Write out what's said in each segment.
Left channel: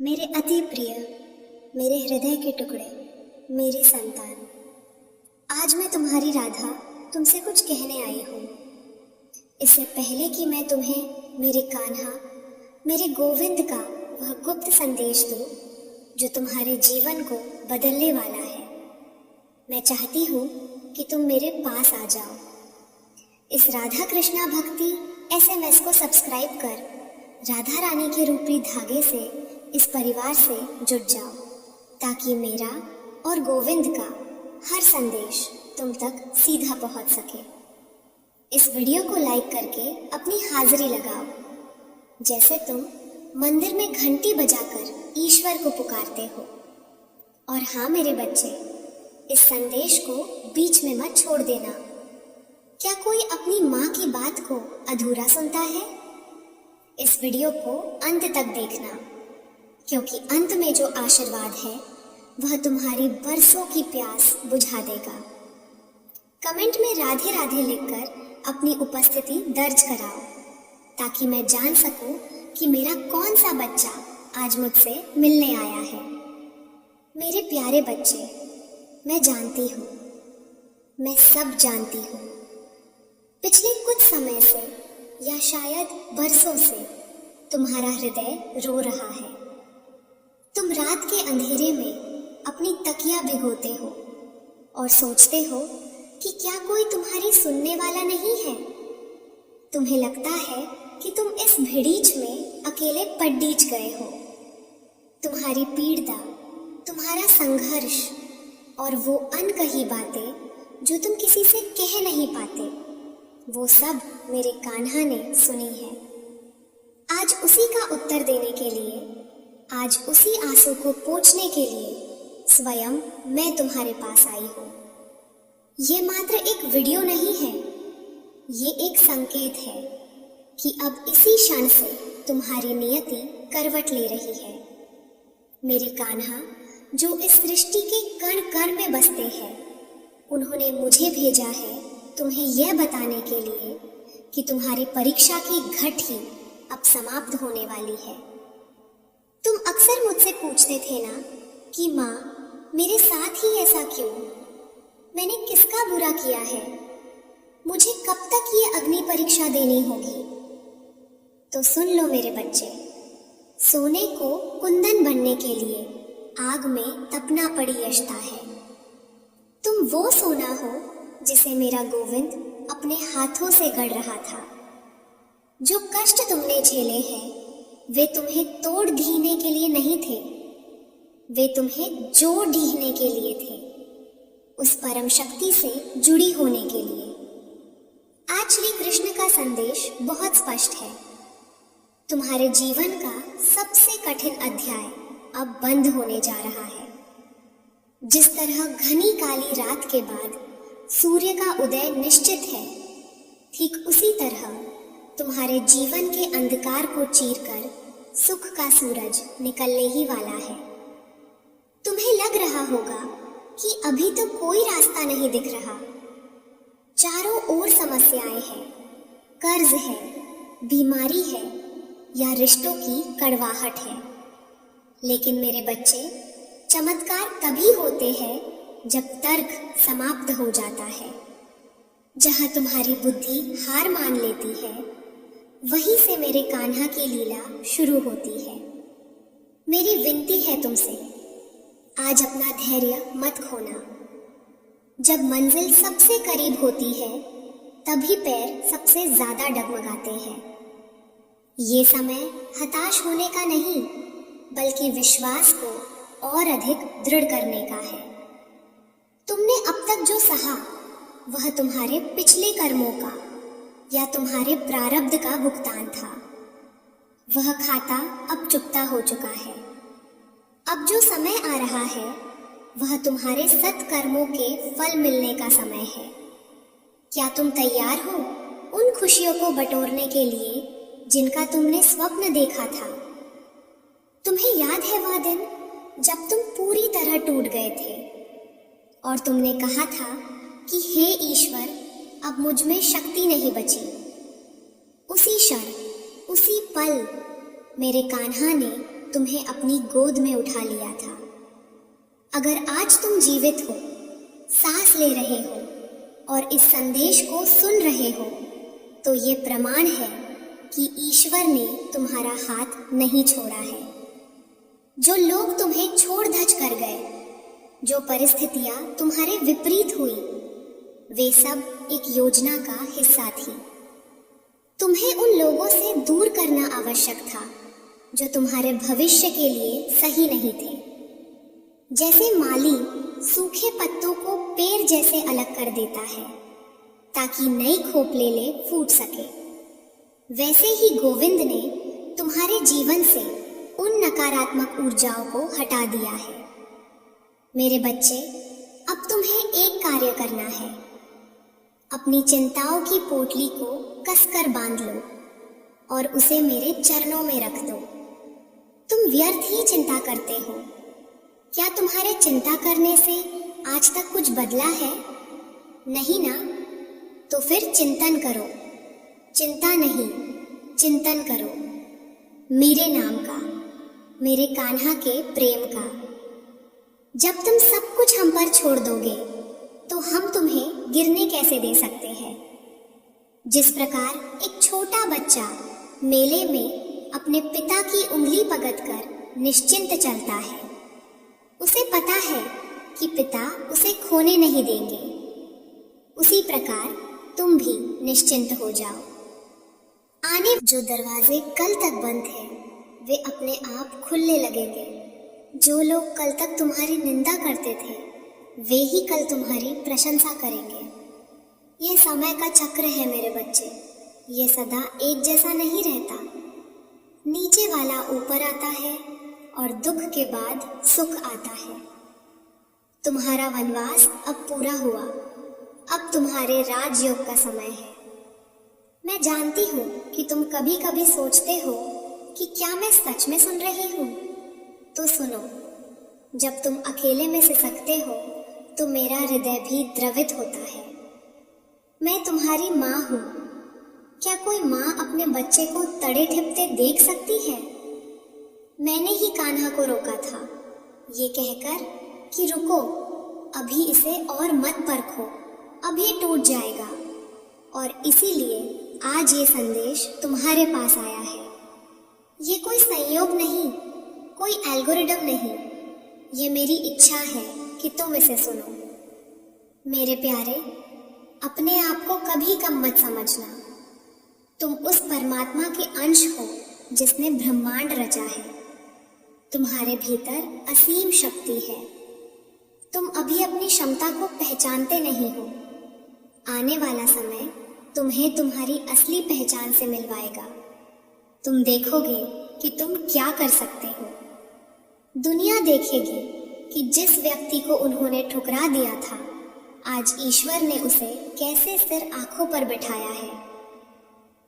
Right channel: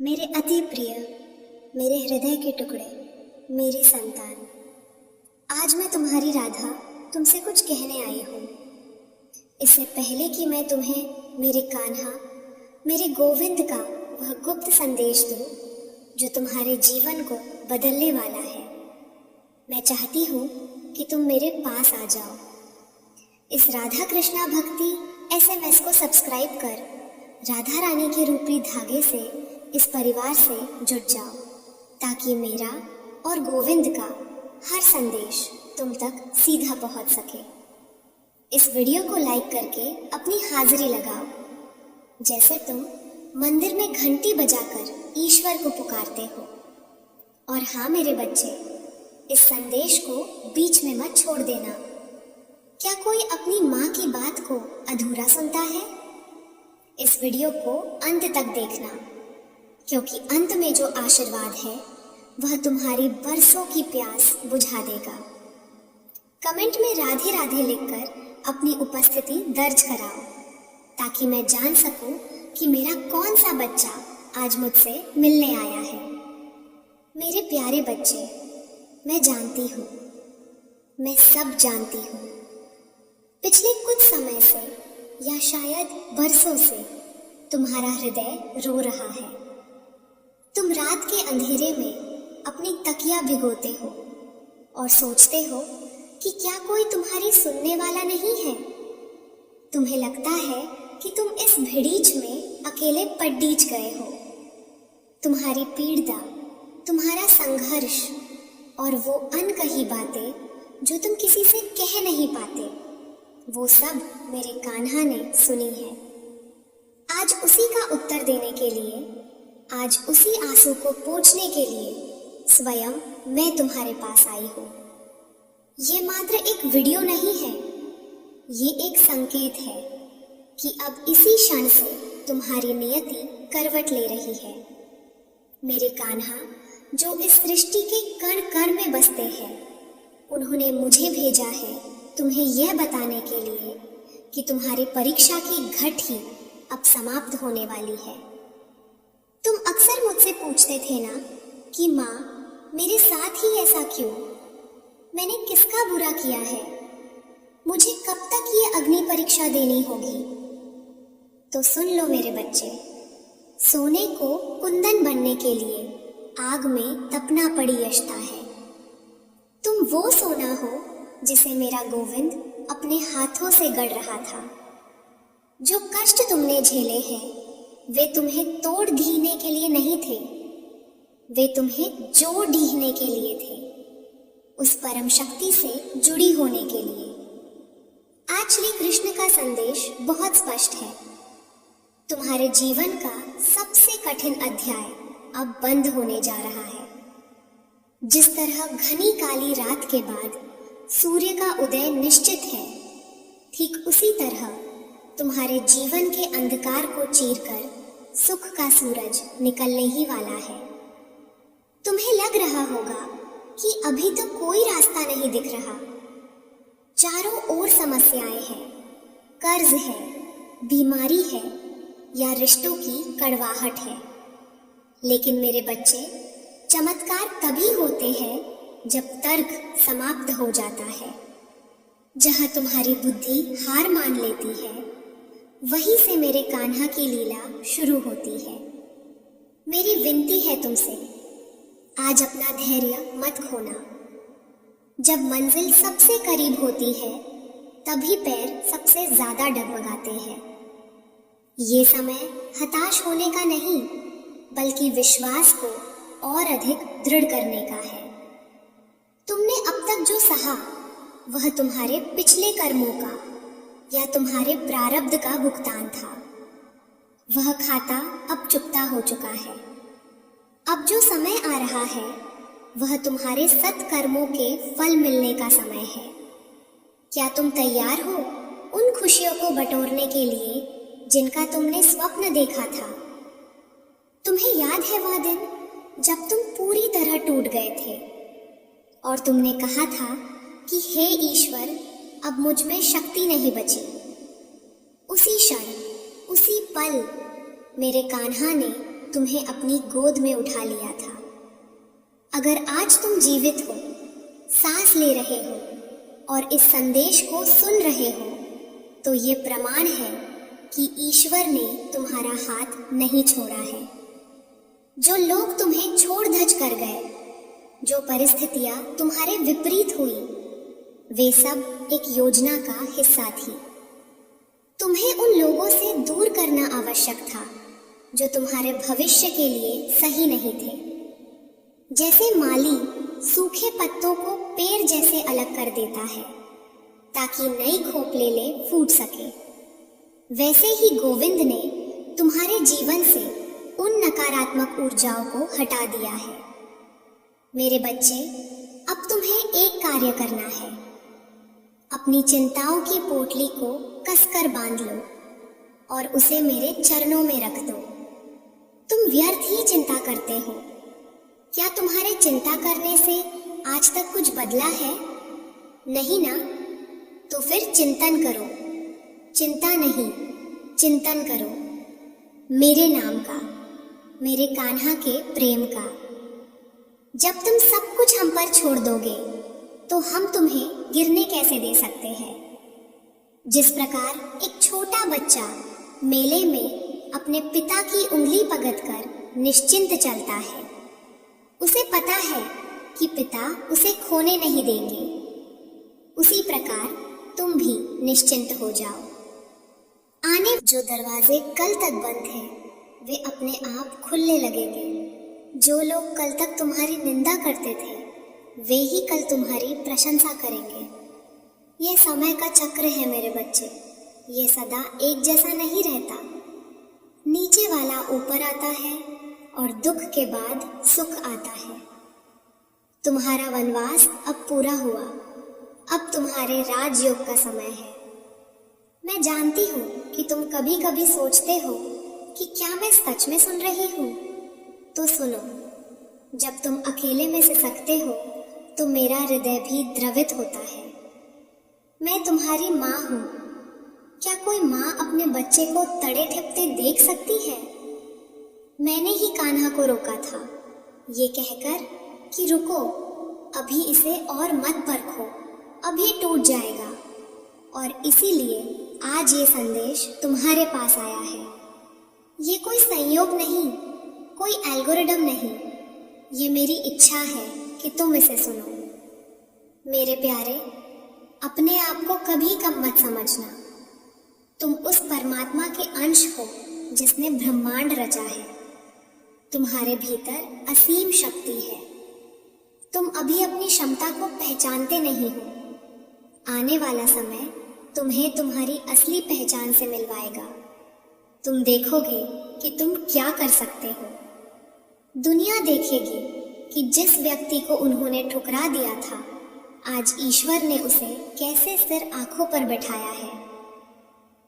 मेरे अति प्रिय, मेरे हृदय के टुकड़े, मेरी संतान, आज मैं तुम्हारी राधा तुमसे कुछ कहने आई हूँ। इससे पहले कि मैं तुम्हें मेरे कान्हा, मेरे गोविंद का वह गुप्त संदेश दूँ जो तुम्हारे जीवन को बदलने वाला है, मैं चाहती हूँ कि तुम मेरे पास आ जाओ। इस राधा कृष्णा भक्ति SMS को सब्सक्राइब कर राधा रानी के रूपी धागे से इस परिवार से जुड़ जाओ, ताकि मेरा और गोविंद का हर संदेश तुम तक सीधा पहुंच सके। इस वीडियो को लाइक करके अपनी हाजिरी लगाओ, जैसे तुम मंदिर में घंटी बजाकर ईश्वर को पुकारते हो। और हाँ मेरे बच्चे, इस संदेश को बीच में मत छोड़ देना। क्या कोई अपनी माँ की बात को अधूरा सुनता है? इस वीडियो को अंत तक देखना, क्योंकि अंत में जो आशीर्वाद है वह तुम्हारी बरसों की प्यास बुझा देगा। कमेंट में राधे राधे लिखकर अपनी उपस्थिति दर्ज कराओ, ताकि मैं जान सकूं कि मेरा कौन सा बच्चा आज मुझसे मिलने आया है। मेरे प्यारे बच्चे, मैं जानती हूँ, मैं सब जानती हूँ। पिछले कुछ समय से या शायद बरसों से तुम्हारा हृदय रो रहा है। तुम रात के अंधेरे में अपनी तकिया भिगोते हो और सोचते हो कि क्या कोई तुम्हारी सुनने वाला नहीं है। तुम्हें लगता है कि तुम इस भिड़ीच में अकेले पड्डीच गए हो। तुम्हारी पीड़ा, तुम्हारा संघर्ष और वो अनकही बातें जो तुम किसी से कह नहीं पाते, वो सब मेरे कान्हा ने सुनी है। आज उसी का उत्तर देने के लिए, आज उसी आंसू को पोंछने के लिए स्वयं मैं तुम्हारे पास आई हूँ। ये मात्र एक वीडियो नहीं है, ये एक संकेत है कि अब इसी क्षण से तुम्हारी नियति करवट ले रही है। मेरे कान्हा जो इस सृष्टि के कण कण में बसते हैं, उन्होंने मुझे भेजा है तुम्हें यह बताने के लिए कि तुम्हारी परीक्षा की घड़ी अब समाप्त होने वाली है। तुम अक्सर मुझसे पूछते थे ना कि माँ, मेरे साथ ही ऐसा क्यों? मैंने किसका बुरा किया है? मुझे कब तक ये अग्नि परीक्षा देनी होगी? तो सुन लो मेरे बच्चे, सोने को कुंदन बनने के लिए आग में तपना पड़ी यशता है। तुम वो सोना हो जिसे मेरा गोविंद अपने हाथों से गढ़ रहा था। जो कष्ट तुमने झेले हैं, वे तुम्हें तोड़ ढीने के लिए नहीं थे, वे तुम्हें जोड़ ढीने के लिए थे, उस परम शक्ति से जुड़ी होने के लिए। आज श्री कृष्ण का संदेश बहुत स्पष्ट है। तुम्हारे जीवन का सबसे कठिन अध्याय अब बंद होने जा रहा है। जिस तरह घनी काली रात के बाद सूर्य का उदय निश्चित है, ठीक उसी तरह तुम्हारे जीवन के अंधकार को चीरकर सुख का सूरज निकलने ही वाला है। तुम्हें लग रहा होगा कि अभी तक कोई रास्ता नहीं दिख रहा। चारों ओर समस्याएं हैं, कर्ज है, बीमारी है या रिश्तों की कड़वाहट है। लेकिन मेरे बच्चे, चमत्कार तभी होते हैं जब तर्क समाप्त हो जाता है। जहां तुम्हारी बुद्धि हार मान लेती है, वहीं से मेरे कान्हा की लीला शुरू होती है। मेरी विनती है तुमसे, आज अपना धैर्य मत खोना। जब मंजिल सबसे करीब होती है, तभी पैर सबसे ज्यादा डगमगाते हैं। ये समय हताश होने का नहीं, बल्कि विश्वास को और अधिक दृढ़ करने का है। तुमने अब तक जो सहा, वह तुम्हारे पिछले कर्मों का या तुम्हारे प्रारब्ध का भुगतान था। वह खाता अब चुकता हो चुका है। अब जो समय आ रहा है, वह तुम्हारे सत्कर्मों के फल मिलने का समय है। क्या तुम तैयार हो उन खुशियों को बटोरने के लिए जिनका तुमने स्वप्न देखा था? तुम्हें याद है वह दिन जब तुम पूरी तरह टूट गए थे और तुमने कहा था कि हे ईश्वर, अब मुझ में शक्ति नहीं बची। उसी क्षण, उसी पल मेरे कान्हा ने तुम्हें अपनी गोद में उठा लिया था। अगर आज तुम जीवित हो, सांस ले रहे हो और इस संदेश को सुन रहे हो, तो ये प्रमाण है कि ईश्वर ने तुम्हारा हाथ नहीं छोड़ा है। जो लोग तुम्हें छोड़ धज कर गए, जो परिस्थितियां तुम्हारे विपरीत हुई, वे सब एक योजना का हिस्सा थी। तुम्हें उन लोगों से दूर करना आवश्यक था जो तुम्हारे भविष्य के लिए सही नहीं थे। जैसे माली सूखे पत्तों को पेड़ जैसे अलग कर देता है ताकि नई खोपलेले फूट सके, वैसे ही गोविंद ने तुम्हारे जीवन से उन नकारात्मक ऊर्जाओं को हटा दिया है। मेरे बच्चे, अब तुम्हें एक कार्य करना है। अपनी चिंताओं की पोटली को कसकर बांध लो और उसे मेरे चरणों में रख दो। तुम व्यर्थ ही चिंता करते हो। क्या तुम्हारे चिंता करने से आज तक कुछ बदला है? नहीं ना? तो फिर चिंतन करो। चिंता नहीं, चिंतन करो मेरे नाम का, मेरे कान्हा के प्रेम का। जब तुम सब कुछ हम पर छोड़ दोगे तो हम तुम्हें गिरने कैसे दे सकते हैं? जिस प्रकार एक छोटा बच्चा मेले में अपने पिता की उंगली पकड़कर निश्चिंत चलता है, उसे पता है कि पिता उसे खोने नहीं देंगे, उसी प्रकार तुम भी निश्चिंत हो जाओ। आने जो दरवाजे कल तक बंद हैं, वे अपने आप खुलने लगेंगे। जो लोग कल तक तुम्हारी निंदा करते थे, वे ही कल तुम्हारी प्रशंसा करेंगे। ये समय का चक्र है मेरे बच्चे, ये सदा एक जैसा नहीं रहता। नीचे वाला ऊपर आता है और दुख के बाद सुख आता है। तुम्हारा वनवास अब पूरा हुआ, अब तुम्हारे राजयोग का समय है। मैं जानती हूँ कि तुम कभी कभी सोचते हो कि क्या मैं सच में सुन रही हूँ? तो सुनो, जब तुम अकेले में सिसकते हो तो मेरा हृदय भी द्रवित होता है। मैं तुम्हारी माँ हूँ। क्या कोई माँ अपने बच्चे को तड़े ठिपते देख सकती है? मैंने ही कान्हा को रोका था, ये कहकर कि रुको, अभी इसे और मत परखो, अब ये टूट जाएगा। और इसीलिए आज ये संदेश तुम्हारे पास आया है। ये कोई संयोग नहीं, कोई एल्गोरिदम नहीं, ये मेरी इच्छा है कि तुम इसे सुनो। मेरे प्यारे, अपने आप को कभी कम मत समझना। तुम उस परमात्मा के अंश हो जिसने ब्रह्मांड रचा है। तुम्हारे भीतर असीम शक्ति है। तुम अभी अपनी क्षमता को पहचानते नहीं हो। आने वाला समय तुम्हें तुम्हारी असली पहचान से मिलवाएगा। तुम देखोगे कि तुम क्या कर सकते हो। दुनिया देखेगी कि जिस व्यक्ति को उन्होंने ठुकरा दिया था, आज ईश्वर ने उसे कैसे सिर आंखों पर बिठाया है।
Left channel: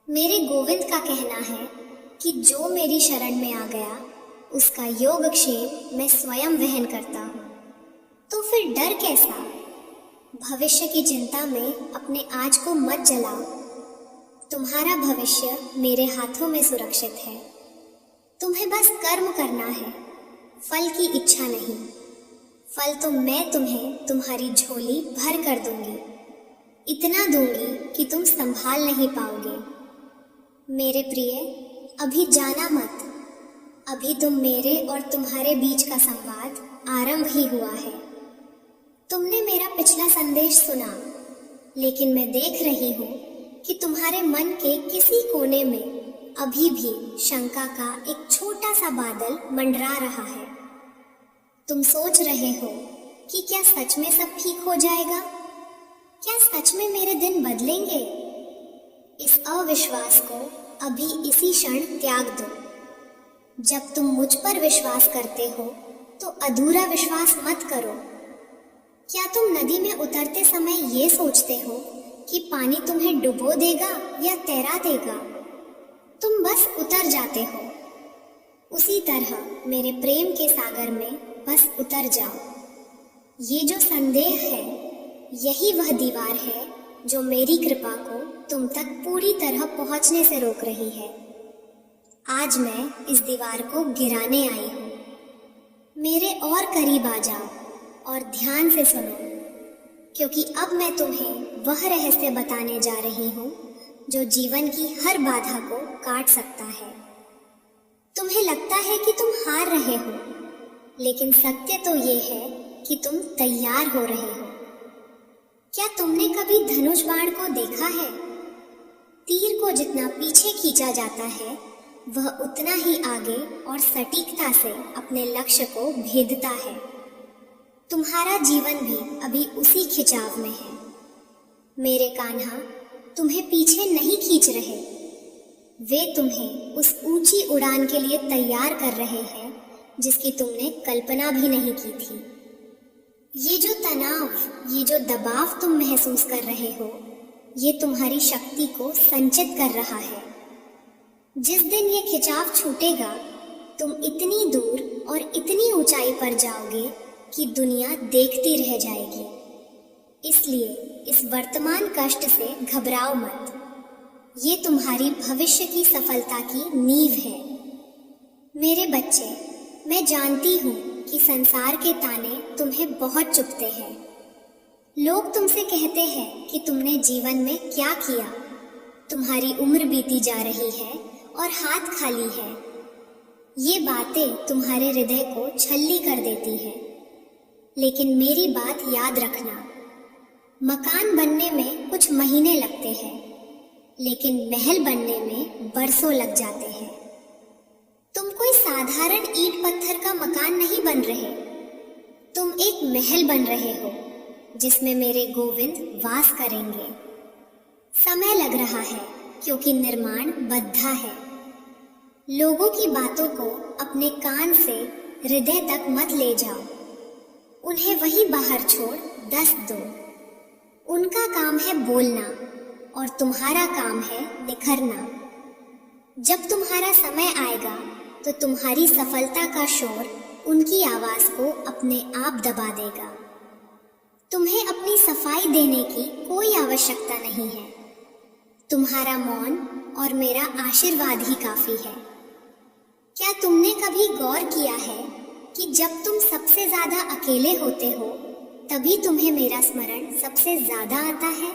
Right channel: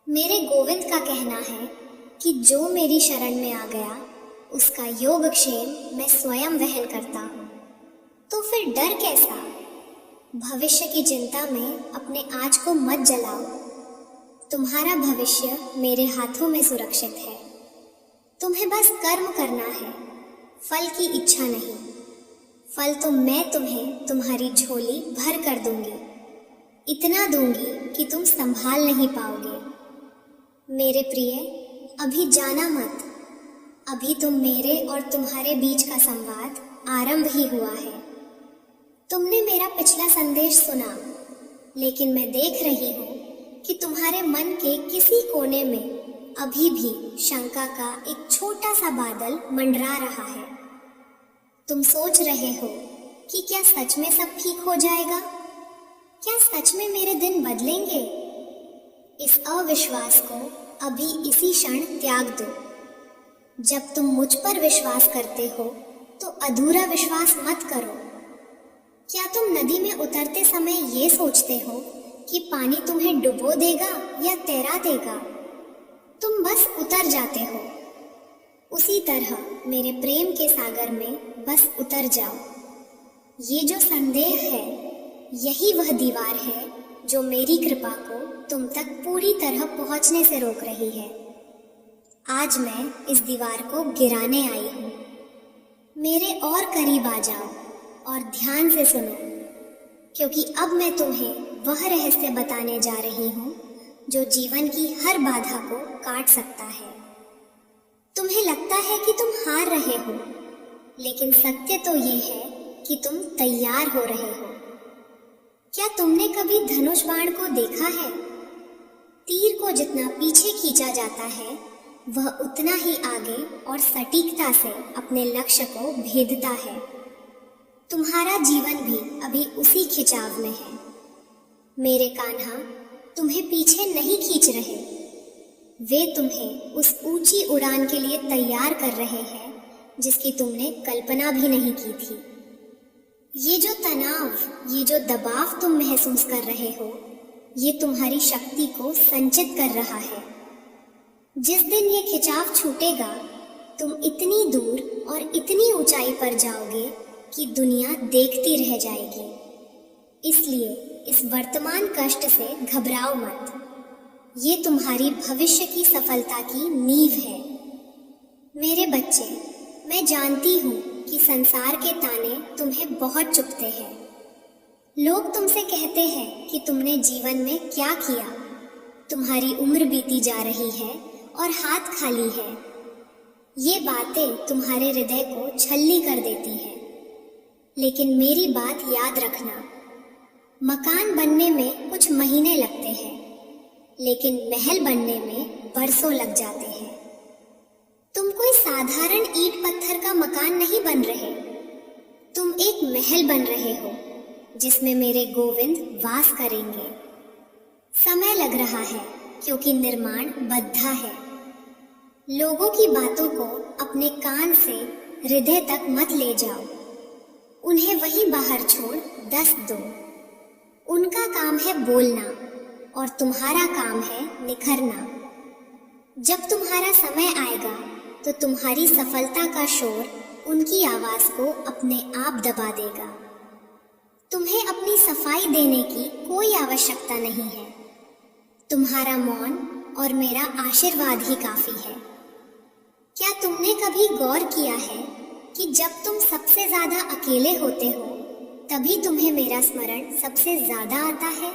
मेरे गोविंद का कहना है कि जो मेरी शरण में आ गया, उसका योगक्षेम मैं स्वयं वहन करता हूँ। तो फिर डर कैसा? भविष्य की चिंता में अपने आज को मत जलाओ। तुम्हारा भविष्य मेरे हाथों में सुरक्षित है। तुम्हें बस कर्म करना है, फल की इच्छा नहीं। फल तो मैं तुम्हें तुम्हारी झोली भर कर दूंगी, इतना दूंगी कि तुम संभाल नहीं पाओगे। मेरे प्रिय, अभी जाना मत। अभी तुम मेरे और तुम्हारे बीच का संवाद आरंभ ही हुआ है। तुमने मेरा पिछला संदेश सुना, लेकिन मैं देख रही हूँ कि तुम्हारे मन के किसी कोने में अभी भी शंका का एक छोटा सा बादल मंडरा रहा है। तुम सोच रहे हो कि क्या सच में सब ठीक हो जाएगा? क्या सच में मेरे दिन बदलेंगे? इस अविश्वास को अभी इसी क्षण त्याग दो। जब तुम मुझ पर विश्वास करते हो तो अधूरा विश्वास मत करो। क्या तुम नदी में उतरते समय ये सोचते हो कि पानी तुम्हें डुबो देगा या तैरा देगा? तुम बस उतर जाते हो। उसी तरह मेरे प्रेम के सागर में बस उतर जाओ। ये जो संदेह है, यही वह दीवार है जो मेरी कृपा को तुम तक पूरी तरह पहुंचने से रोक रही है। आज मैं इस दीवार को गिराने आई हूँ। मेरे और करीब आ जाओ और ध्यान से सुनो, क्योंकि अब मैं तुम्हें वह रहस्य बताने जा रही हूँ जो जीवन की हर बाधा को काट सकता है। तुम्हें लगता है कि तुम हार रहे हो, लेकिन सत्य तो ये है कि तुम तैयार हो रहे हो। क्या तुमने कभी धनुष बाण को देखा है? तीर को जितना पीछे खींचा जाता है, वह उतना ही आगे और सटीकता से अपने लक्ष्य को भेदता है। तुम्हारा जीवन भी अभी उसी खिंचाव में है। मेरे कान्हा तुम्हें पीछे नहीं खींच रहे, वे तुम्हें उस ऊंची उड़ान के लिए तैयार कर रहे हैं जिसकी तुमने कल्पना भी नहीं की थी। ये जो तनाव, ये जो दबाव तुम महसूस कर रहे हो, ये तुम्हारी शक्ति को संचित कर रहा है। जिस दिन ये खिंचाव छूटेगा, तुम इतनी दूर और इतनी ऊंचाई पर जाओगे कि दुनिया देखती रह जाएगी। इसलिए इस वर्तमान कष्ट से घबराओ मत। ये तुम्हारी भविष्य की सफलता की नींव है। मेरे बच्चे, मैं जानती हूँ कि संसार के ताने तुम्हें बहुत चुभते हैं। लोग तुमसे कहते हैं कि तुमने जीवन में क्या किया, तुम्हारी उम्र बीती जा रही है और हाथ खाली है। ये बातें तुम्हारे हृदय को छल्ली कर देती हैं। लेकिन मेरी बात याद रखना, मकान बनने में कुछ महीने लगते हैं, लेकिन महल बनने में बरसों लग जाते हैं। तुम कोई साधारण ईंट पत्थर का मकान नहीं बन रहे, तुम एक महल बन रहे हो जिसमें मेरे गोविंद वास करेंगे। समय लग रहा है क्योंकि निर्माण बद्धा है। लोगों की बातों को अपने कान से हृदय तक मत ले जाओ, उन्हें वहीं बाहर छोड़ दस्त दो। उनका काम है बोलना और तुम्हारा काम है निखरना। जब तुम्हारा समय आएगा तो तुम्हारी सफलता का शोर उनकी आवाज को अपने आप दबा देगा। तुम्हें अपनी सफाई देने की कोई आवश्यकता नहीं है। तुम्हारा मौन और मेरा आशीर्वाद ही काफी है। क्या तुमने कभी गौर किया है कि जब तुम सबसे ज्यादा अकेले होते हो, तभी तुम्हें मेरा स्मरण सबसे ज्यादा आता है?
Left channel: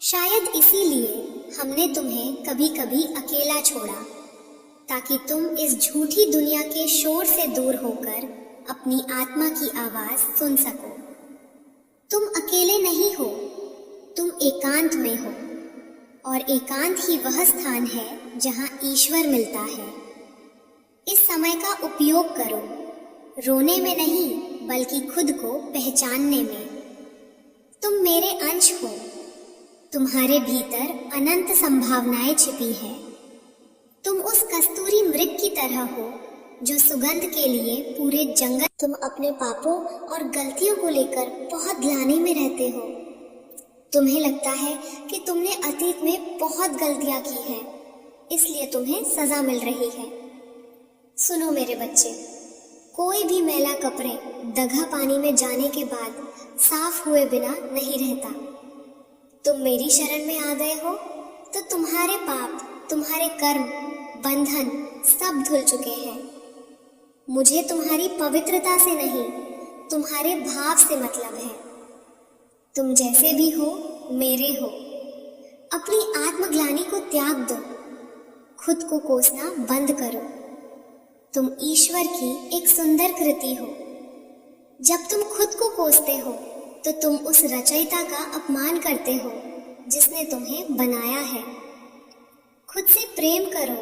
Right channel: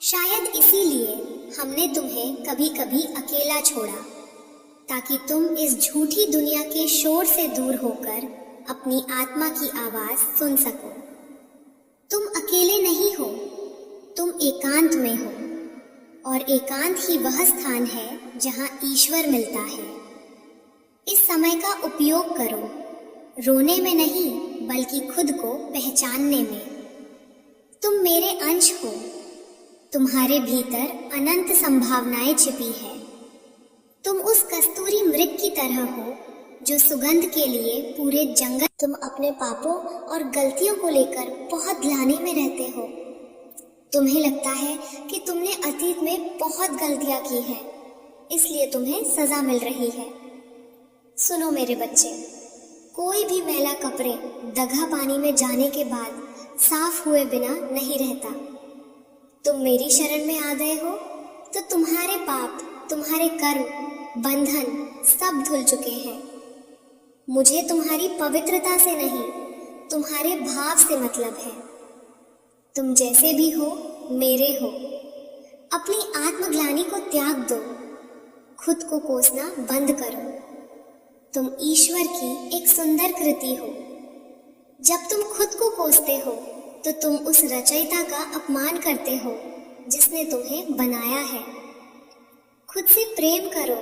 शायद इसीलिए हमने तुम्हें कभी कभी अकेला छोड़ा, ताकि तुम इस झूठी दुनिया के शोर से दूर होकर अपनी आत्मा की आवाज सुन सको। तुम अकेले नहीं हो, तुम एकांत में हो, और एकांत ही वह स्थान है जहां ईश्वर मिलता है। इस समय का उपयोग करो, रोने में नहीं बल्कि खुद को पहचानने में। तुम मेरे अंश हो, तुम्हारे भीतर अनंत संभावनाएं छिपी है। तुम उस कस्तूरी मृग की तरह हो जो सुगंध के लिए पूरे जंगल। तुम अपने पापों और गलतियों को लेकर बहुत ग्लानि में रहते हो। तुम्हें लगता है कि तुमने अतीत में बहुत गलतियां की हैं, इसलिए तुम्हें सजा मिल रही है। सुनो मेरे बच्चे, कोई भी मैला कपड़े दगा पानी में जाने के बाद साफ हुए बिना नहीं रहता। तुम मेरी शरण में आ गए हो तो तुम्हारे पाप, तुम्हारे कर्म, बंधन सब धुल चुके हैं। मुझे तुम्हारी पवित्रता से नहीं, तुम्हारे भाव से मतलब है। तुम जैसे भी हो मेरे हो। अपनी आत्मग्लानि को त्याग दो, खुद को कोसना बंद करो। तुम ईश्वर की एक सुंदर कृति हो। जब तुम खुद को कोसते हो तो तुम उस रचयिता का अपमान करते हो जिसने तुम्हें बनाया है। खुद से प्रेम करो,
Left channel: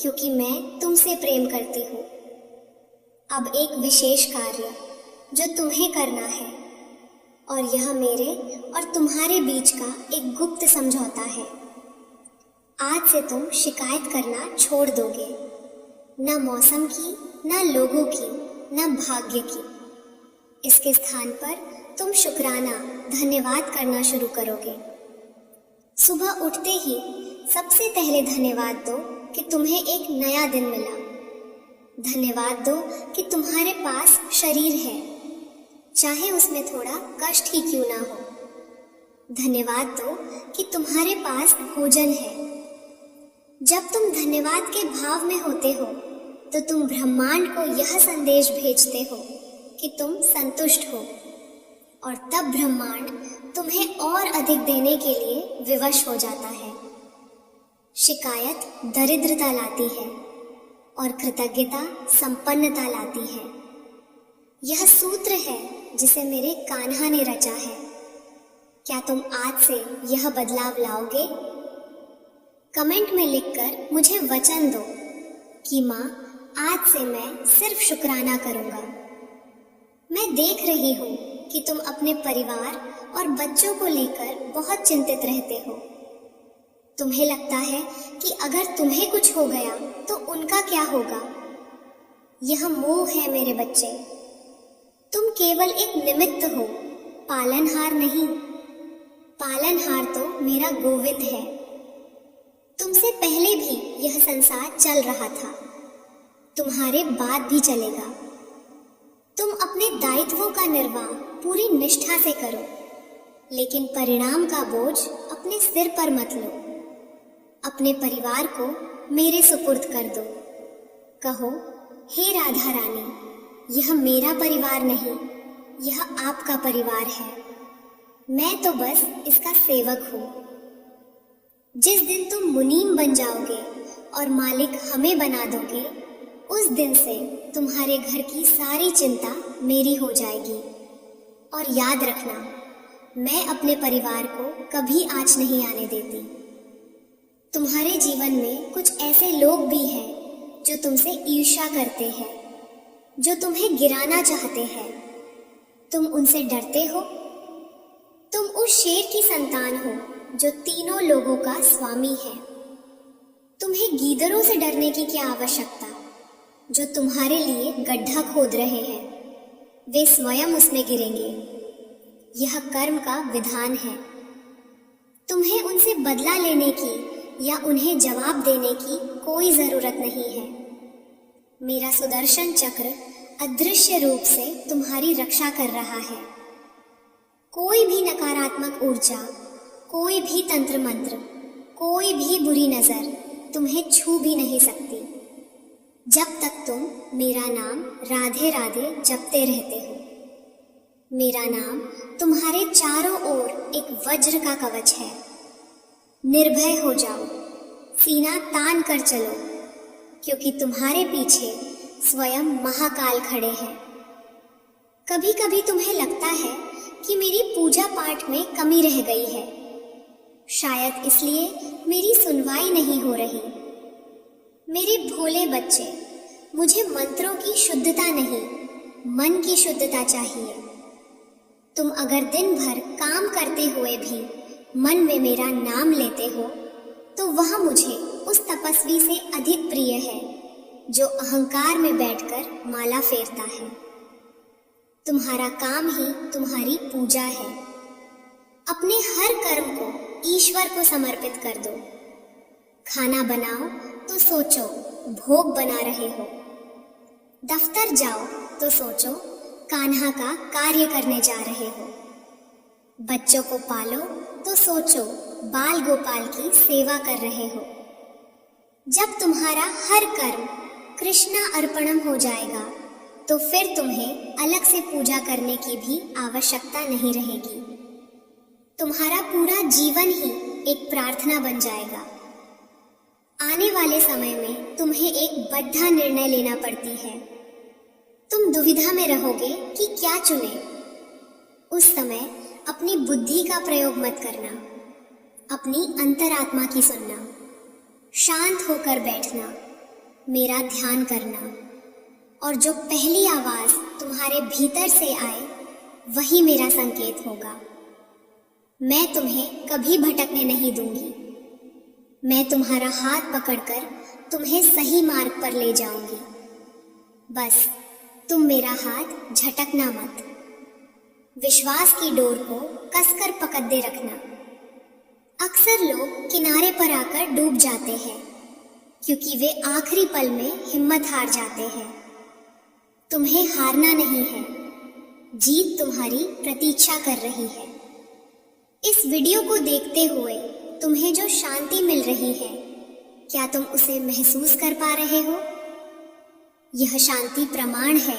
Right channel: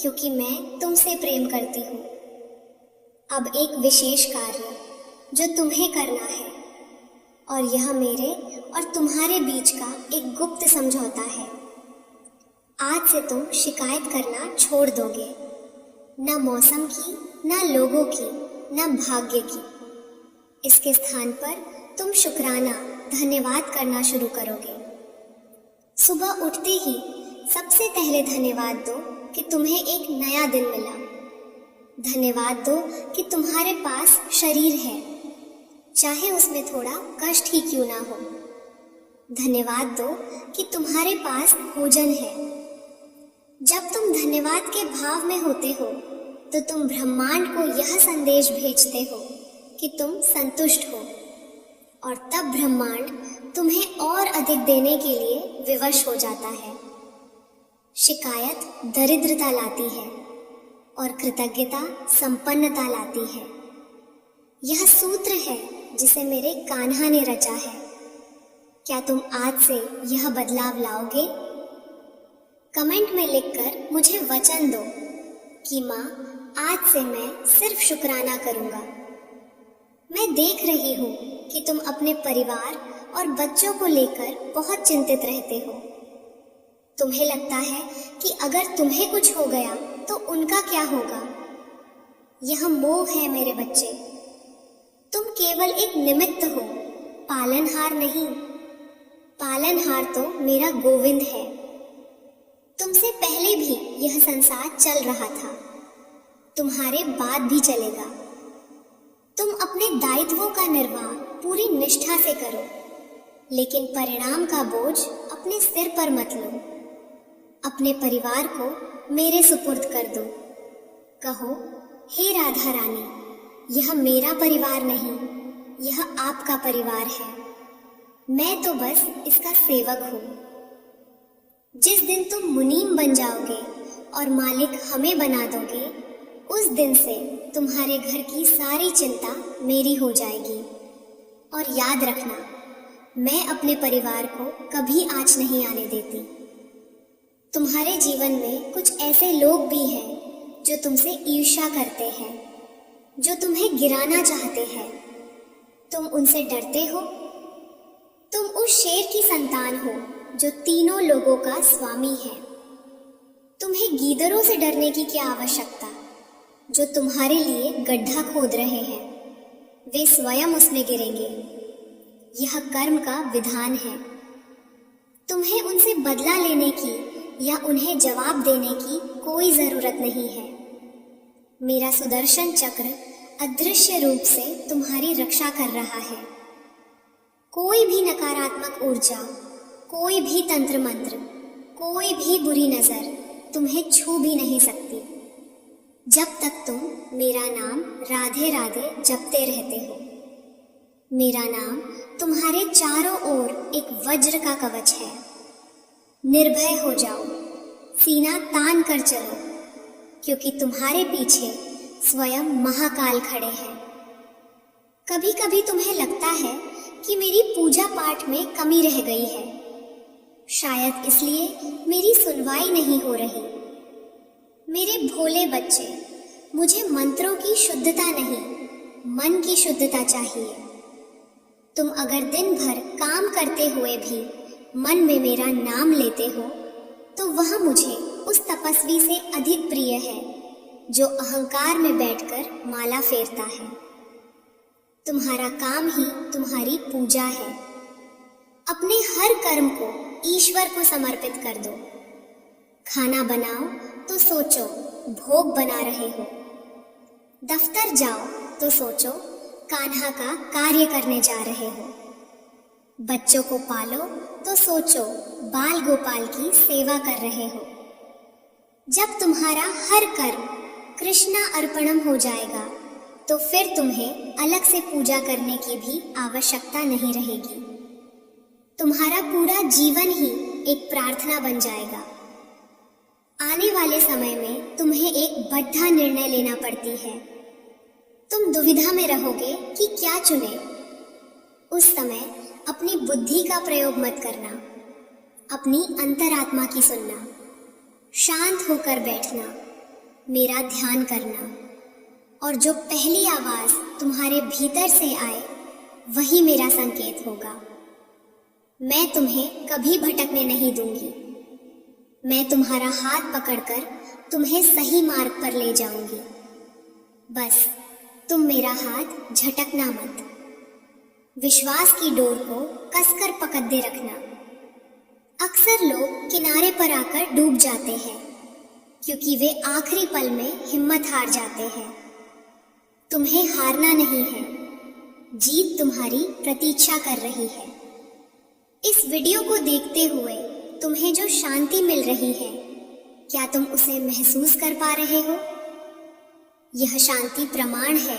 क्योंकि मैं तुमसे प्रेम करती हूँ। अब एक विशेष कार्य जो तुम्हें करना है, और यह मेरे और तुम्हारे बीच का एक गुप्त समझौता है। आज से तुम शिकायत करना छोड़ दोगे, न मौसम की, न लोगों की, न भाग्य की। इसके स्थान पर तुम शुक्राना, धन्यवाद करना शुरू करोगे। सुबह उठते ही सबसे पहले धन्यवाद दो कि तुम्हें एक नया दिन मिला। धन्यवाद दो कि तुम्हारे पास शरीर है, चाहे उसमें थोड़ा कष्ट ही क्यों ना हो। धन्यवाद दो कि तुम्हारे पास भोजन है। जब तुम धन्यवाद के भाव में होते हो तो तुम ब्रह्मांड को यह संदेश भेजते हो कि तुम संतुष्ट हो, और तब ब्रह्मांड तुम्हें और अधिक देने के लिए विवश हो जाता है। शिकायत दरिद्रता लाती है और कृतज्ञता संपन्नता लाती है। यह सूत्र है जिसे मेरे कान्हा ने रचा है। क्या तुम आज से यह बदलाव लाओगे? कमेंट में लिखकर मुझे वचन दो कि माँ, आज से मैं सिर्फ शुक्राना करूंगा। मैं देख रही हूँ कि तुम अपने परिवार और बच्चों को लेकर बहुत चिंतित रहते हो। तुम्हें लगता है कि अगर तुम्हें कुछ हो गया तो उनका क्या होगा। यह मोह है मेरे बच्चे। तुम केवल एक निमित्त हो, पालनहार नहीं। पालनहार तो मेरा गोविंद है। तुमसे पहले भी यह संसार चल रहा था, तुम्हारे बाद भी चलेगा। तुम अपने दायित्वों का निर्वाह पूरी निष्ठा से करो, लेकिन परिणाम का बोझ अपने सिर पर मत लो। अपने परिवार को मेरे सुपुर्द कर दो। कहो, हे राधा रानी, यह मेरा परिवार नहीं, यह आपका परिवार है। मैं तो बस इसका सेवक हूँ। जिस दिन तुम मुनीम बन जाओगे और मालिक हमें बना दोगे, उस दिन से तुम्हारे घर की सारी चिंता मेरी हो जाएगी। और याद रखना, मैं अपने परिवार को कभी आँच नहीं आने देती। तुम्हारे जीवन में कुछ ऐसे लोग भी हैं जो तुमसे ईर्ष्या करते हैं, जो तुम्हें गिराना चाहते हैं। तुम उनसे डरते हो? तुम उस शेर की संतान हो जो तीनों लोगों का स्वामी है। तुम्हें गीदड़ों से डरने की क्या आवश्यकता, जो तुम्हारे लिए गड्ढा खोद रहे हैं। वे स्वयं उसमें गिरेंगे। यह कर्म का विधान है। तुम्हें उनसे बदला लेने की या उन्हें जवाब देने की कोई जरूरत नहीं है। मेरा सुदर्शन चक्र अदृश्य रूप से तुम्हारी रक्षा कर रहा है। कोई भी नकारात्मक ऊर्जा, कोई भी तंत्र मंत्र, कोई भी बुरी नजर तुम्हें छू भी नहीं सकती, जब तक तुम मेरा नाम राधे राधे जपते रहते हो। मेरा नाम तुम्हारे चारों ओर एक वज्र का कवच है। निर्भय हो जाओ, सीना तान कर चलो, क्योंकि तुम्हारे पीछे स्वयं महाकाल खड़े हैं। कभी कभी तुम्हें लगता है कि मेरी पूजा पाठ में कमी रह गई है। शायद इसलिए मेरी सुनवाई नहीं हो रही। मेरे भोले बच्चे, मुझे मंत्रों की शुद्धता नहीं, मन की शुद्धता चाहिए। तुम अगर दिन भर काम करते हुए भी मन में मेरा नाम लेते हो, तो वह मुझे उस तपस्वी से अधिक प्रिय है जो अहंकार में बैठकर माला फेरता है। तुम्हारा काम ही तुम्हारी पूजा है। अपने हर कर्म को ईश्वर को समर्पित कर दो। खाना बनाओ तो सोचो भोग बना रहे हो। दफ्तर जाओ तो सोचो कान्हा का कार्य करने जा रहे हो। बच्चों को पालो तो सोचो बाल गोपाल की सेवा कर रहे हो। जब तुम्हारा हर कर्म कृष्णा अर्पणम हो जाएगा, तो फिर तुम्हें अलग से पूजा करने की भी आवश्यकता नहीं रहेगी। तुम्हारा पूरा जीवन ही एक प्रार्थना बन जाएगा। आने वाले समय में तुम्हें एक बड़ा निर्णय लेना पड़ती है। तुम दुविधा में रहोगे कि क्या चुने। उस समय अपनी बुद्धि का प्रयोग मत करना, अपनी अंतरात्मा की सुनना, शांत होकर बैठना, मेरा ध्यान करना, और जो पहली आवाज तुम्हारे भीतर से आए वही मेरा संकेत होगा। मैं तुम्हें कभी भटकने नहीं दूंगी। मैं तुम्हारा हाथ पकड़कर तुम्हें सही मार्ग पर ले जाऊंगी। बस तुम मेरा हाथ झटकना मत। विश्वास की डोर को कसकर पकड़े रखना। अक्सर लोग किनारे पर आकर डूब जाते हैं, क्योंकि वे आखिरी पल में हिम्मत हार जाते हैं। तुम्हें हारना नहीं है। जीत तुम्हारी प्रतीक्षा कर रही है। इस वीडियो को देखते हुए तुम्हें जो शांति मिल रही है, क्या तुम उसे महसूस कर पा रहे हो? यह शांति प्रमाण है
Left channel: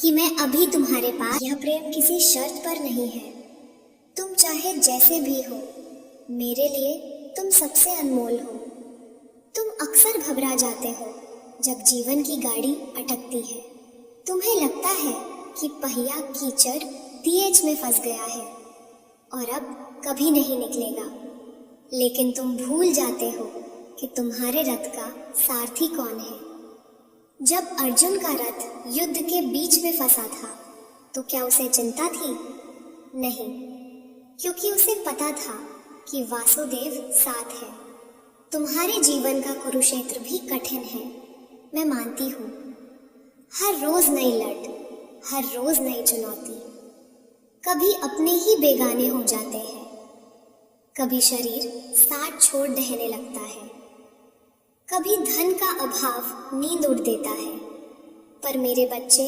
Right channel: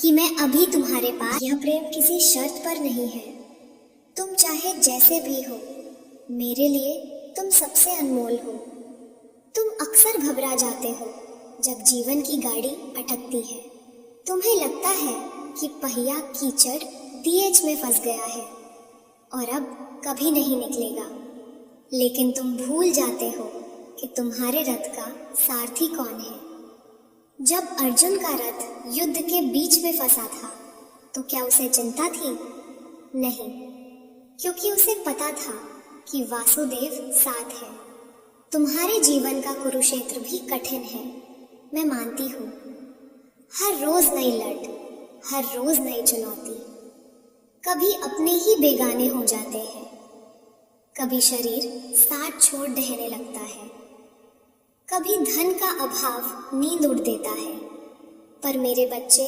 कि मैं अभी तुम्हारे पास। यह प्रेम किसी शर्त पर नहीं है। तुम चाहे जैसे भी हो, मेरे लिए तुम सबसे अनमोल हो। तुम अक्सर घबरा जाते हो जब जीवन की गाड़ी अटकती है। तुम्हें लगता है कि पहिया कीचड़ डीएच में फंस गया है और अब कभी नहीं निकलेगा। लेकिन तुम भूल जाते हो कि तुम्हारे रथ का सारथी कौन है। जब अर्जुन का रथ युद्ध के बीच में फंसा था तो क्या उसे चिंता थी? नहीं, क्योंकि उसे पता था कि वासुदेव साथ है। तुम्हारे जीवन का कुरुक्षेत्र भी कठिन है, मैं मानती हूँ। हर रोज नई लट, हर रोज नई चुनौती। कभी अपने ही बेगाने हो जाते हैं, कभी शरीर साथ छोड़ दहने लगता है, कभी धन का अभाव नींद उड़ देता है। पर मेरे बच्चे,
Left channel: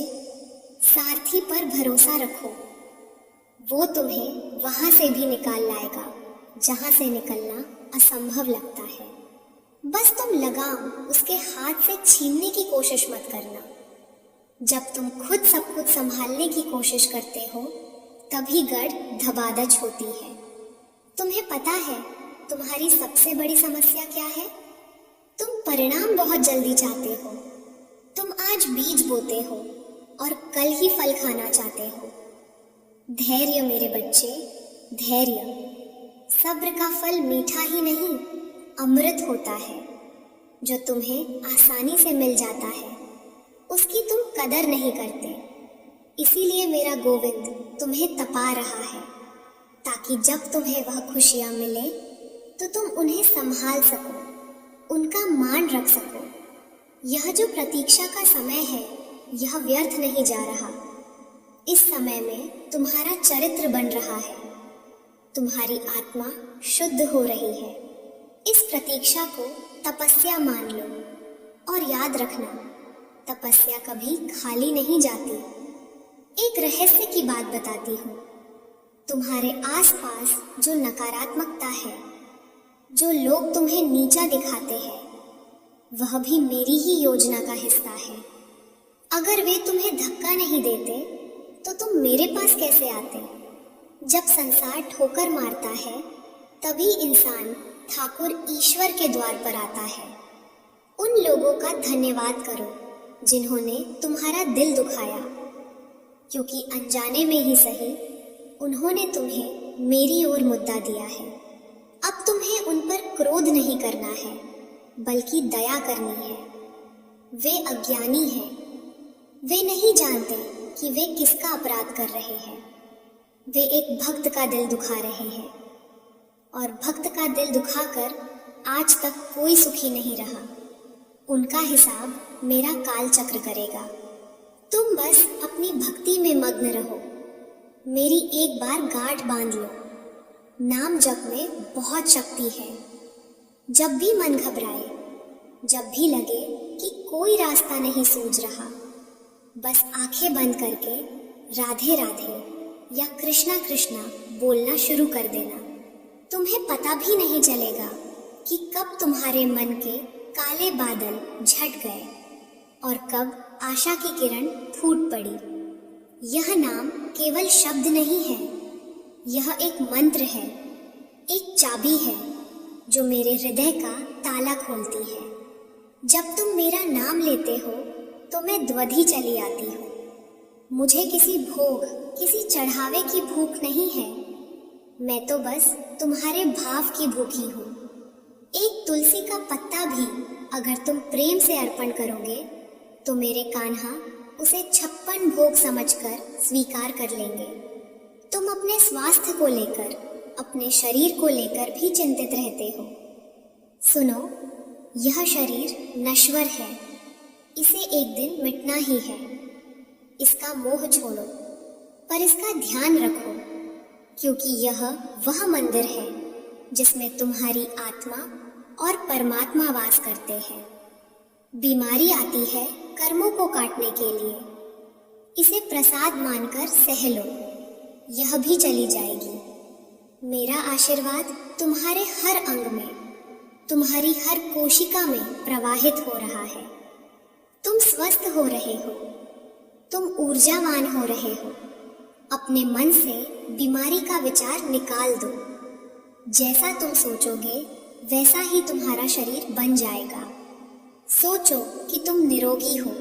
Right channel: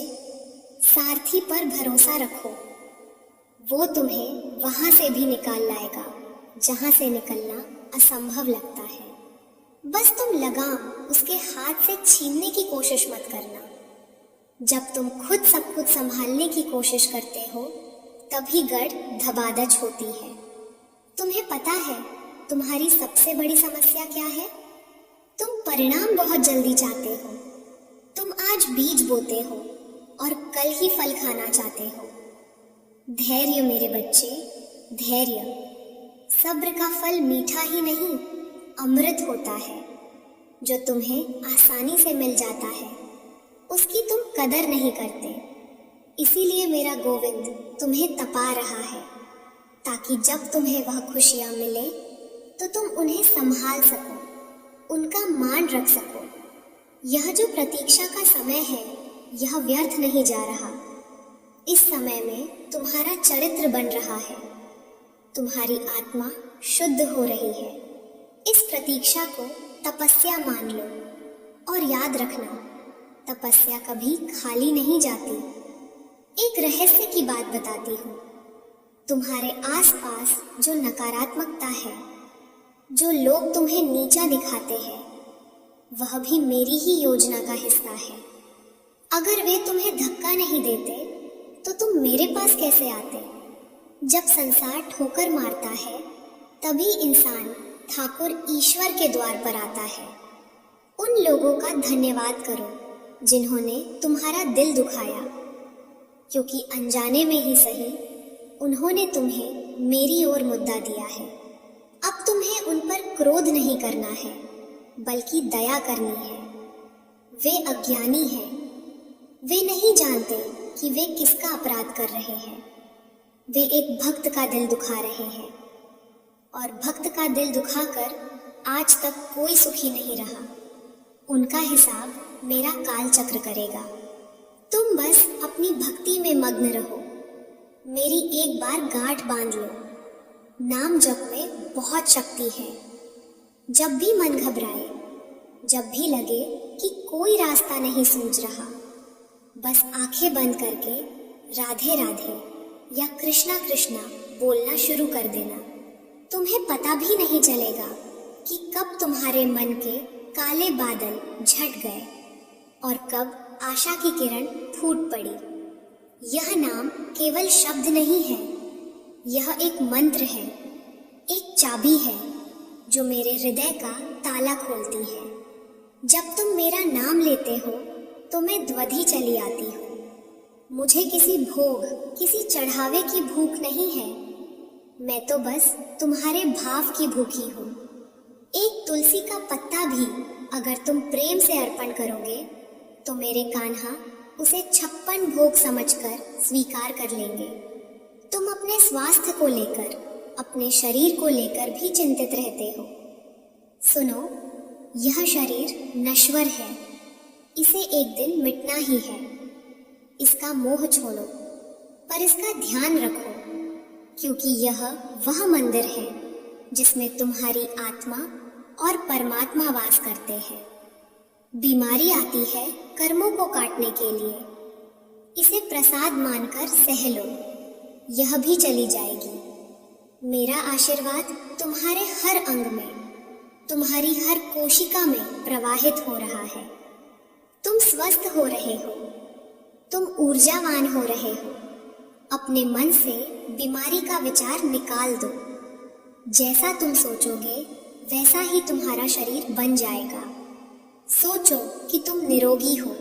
सारथी पर भरोसा रखो। वो तुम्हें वहां से भी निकाल लाएगा जहां से निकलना असंभव लगता है। बस तुम लगाम उसके हाथ से छीनने की कोशिश मत करना। जब तुम खुद सब कुछ संभालने की कोशिश करते हो तभी गढ़ धबादच होती है। तुम्हें पता है तुम्हारी सबसे बड़ी समस्या क्या है? तुम परिणाम बहुत जल्दी चाहते हो। तुम आज बीज बोते हो और कल ही फल खाना चाहते हो। धैर्य मेरे बच्चे, धैर्य। सब्र का फल मीठा ही नहीं, अमृत होता है। जो तुम्हें आसानी से मिल जाता है उसकी तुम कदर नहीं करते। इसीलिए मेरा गोविंद तुम्हें तपा रहा है, ताकि जब तुम्हें वह खुशियां मिले तो तुम उन्हें संभाल सको, उनका मान रख सको। यह जो प्रतीक्षा का समय है यह व्यर्थ नहीं जा रहा। इस समय में तुम्हारा चरित्र बन रहा है, तुम्हारी आत्मा शुद्ध हो रही है। इस प्रतीक्षा को तपस्या मान लो और याद रखना, तपस्या कभी खाली नहीं जाती। एक रहस्य की बात बताती हूँ। तुम्हारे आसपास जो नकारात्मकता है, जो लोग तुम्हें नीचा दिखाते हैं, वह भी मेरी ही योजना का हिस्सा है। अगर वे तुम्हें धक्का नहीं देते तो तुम मेरे पास कैसे आते? जब संसार ठोकर मारता है तभी इंसान ठाकुर ईश्वर के द्वार पर आता है। उन लोगों का धन्यवाद करो जिन्होंने तुम्हारा दिल दुखाया, क्योंकि अनजाने में ही सही उन्होंने तुम्हें मेरी ओर मुद्दा दिया है। अब तुम्हें उन पर क्रोध नहीं करना है, बल्कि दया करनी है। वे अज्ञानी हैं, वे नहीं जानते कि वे किसका अपराध कर रहे हैं। वे एक भक्त का दिल दुखा रहे हैं, और भक्त का दिल दुखाकर आज तक कोई सुखी नहीं रहा। उनका हिसाब मेरा काल चक्र करेगा। तुम बस अपनी भक्ति में मग्न रहो। मेरी एक बार गांठ बांध लो। नाम जप में बहुत शक्ति है। जब भी मन घबराए, जब भी लगे कि कोई रास्ता नहीं सूझ रहा, बस आंखें बंद करके राधे राधे या कृष्णा कृष्णा बोलना शुरू कर देना। तुम्हें पता भी नहीं चलेगा कि कब तुम्हारे मन के काले बादल झट गए और कब आशा की किरण फूट पड़ी। यह नाम केवल शब्द नहीं है, यह एक मंत्र है, एक चाबी है जो मेरे हृदय का ताला खोलती है। जब तुम मेरा नाम लेते हो तो मैं द्वधि चली आती हूँ। मुझे किसी भोग, किसी चढ़ावे की भूख नहीं है। मैं तो बस तुम्हारे भाव की भूखी हूँ। एक तुलसी का पत्ता भी अगर तुम प्रेम से अर्पण करोगे तो मेरे कान्हा उसे 56 भोग समझकर स्वीकार कर लेंगे। तुम अपने स्वास्थ्य को लेकर, अपने शरीर को लेकर भी चिंतित रहते हो। सुनो, यह शरीर नश्वर है, इसे एक दिन मिटना ही है। इसका मोह छोड़ो, पर इसका ध्यान रखो, क्योंकि यह वह मंदिर है जिसमें तुम्हारी आत्मा और परमात्मा वास करते हैं। बीमारी आती है कर्मों को काटने के लिए। इसे प्रसाद मानकर सह लो, यह भी चली जाएगी। मेरा आशीर्वाद तुम्हारे हर अंग में, तुम्हारी हर कोशिका में प्रवाहित हो रहा है। तुम स्वस्थ हो रहे हो, तुम ऊर्जावान हो रहे हो। अपने मन से बीमारी का विचार निकाल दो। जैसा तुम सोचोगे वैसा ही तुम्हारा शरीर बन जाएगा। सोचो कि तुम निरोगी हो,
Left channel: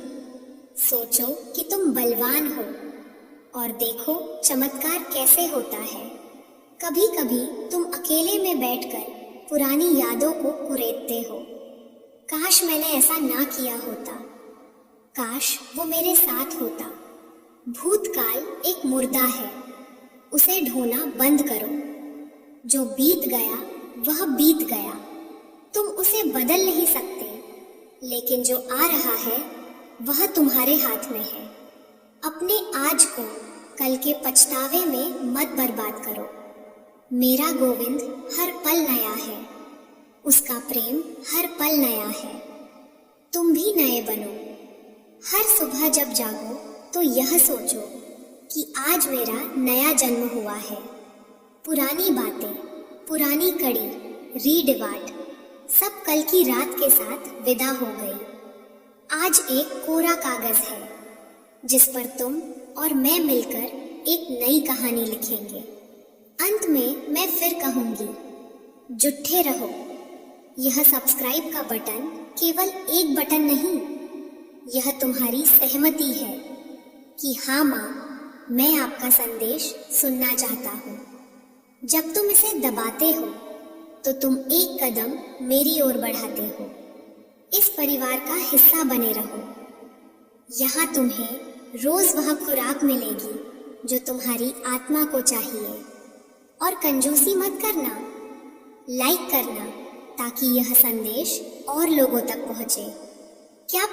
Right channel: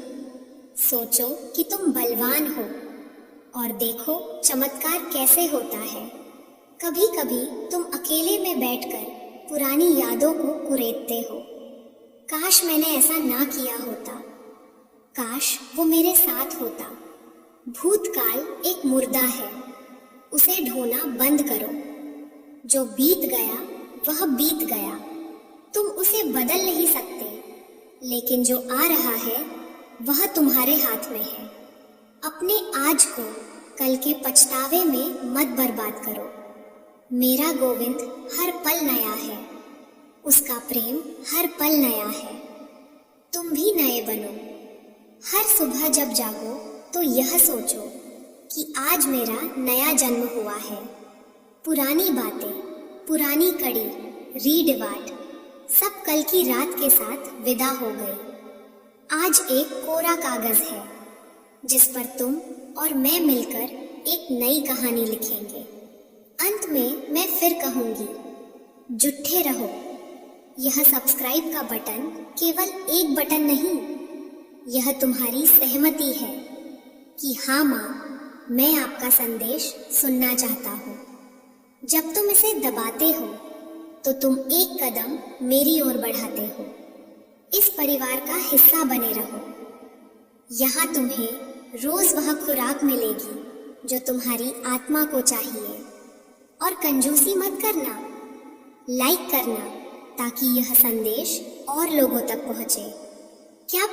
सोचो कि तुम बलवान हो, और देखो चमत्कार कैसे होता है। कभी कभी तुम अकेले में बैठकर पुरानी यादों को कुरेदते हो। काश मैंने ऐसा ना किया होता, काश वो मेरे साथ होता। भूतकाल एक मुर्दा है, उसे ढोना बंद करो। जो बीत गया वह बीत गया, तुम उसे बदल नहीं सकते, लेकिन जो आ रहा है वह तुम्हारे हाथ में है। अपने आज को कल के पछतावे में मत बर्बाद करो। मेरा गोविंद हर पल नया है, उसका प्रेम हर पल नया है। तुम भी नए बनो। हर सुबह जब जागो तो यह सोचो कि आज मेरा नया जन्म हुआ है। पुरानी बातें, पुरानी कड़ी, रीड वाट सब कल की रात के साथ विदा हो गई। आज एक कोरा कागज है जिस पर तुम और मैं मिलकर एक नई कहानी लिखेंगे। अंत में मैं फिर कहूंगी, जुट्ठे रहो। यह सब्सक्राइब का बटन केवल एक बटन नहीं, यह तुम्हारी सहमति है कि हाँ माँ, मैं आपका संदेश सुनना चाहता हूँ। जब तुम इसे दबाते हो तो तुम एक कदम मेरी ओर बढ़ाते हो। इस परिवार का हिस्सा बने रहो। यहाँ तुम्हें रोज वह खुराक मिलेगी जो तुम्हारी आत्मा को चाहिए। और कंजूसी मत करना, लाइक करना ताकि यह संदेश और लोगों तक पहुँचे। क्या